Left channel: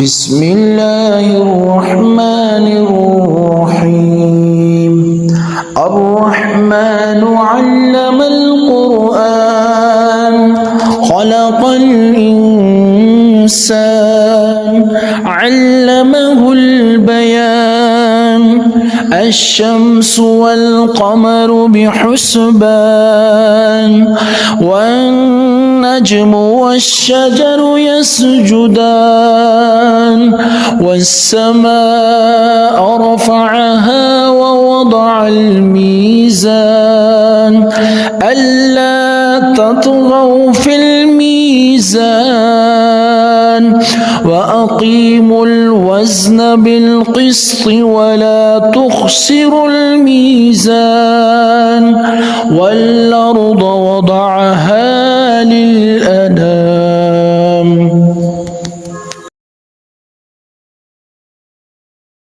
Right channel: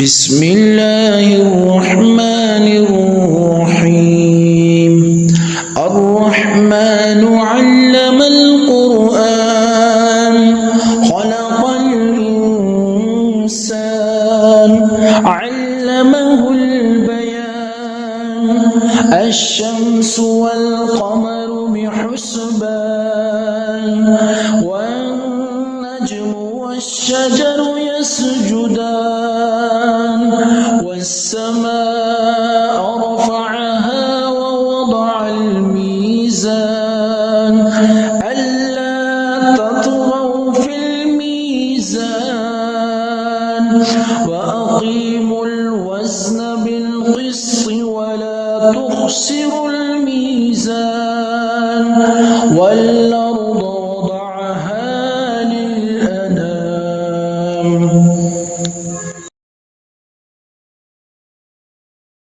بسم الله الرحمن الرحيم الرحمن علم القرآن خلق الإنسان علمه البيان الشمس والقمر بحسبان والنجم والشجر يسجدان والسماء رفعها ووضع الميزان ألا تطغوا في الميزان وأقيموا الوزن بالقسط ولا تخسروا الميزان والأرض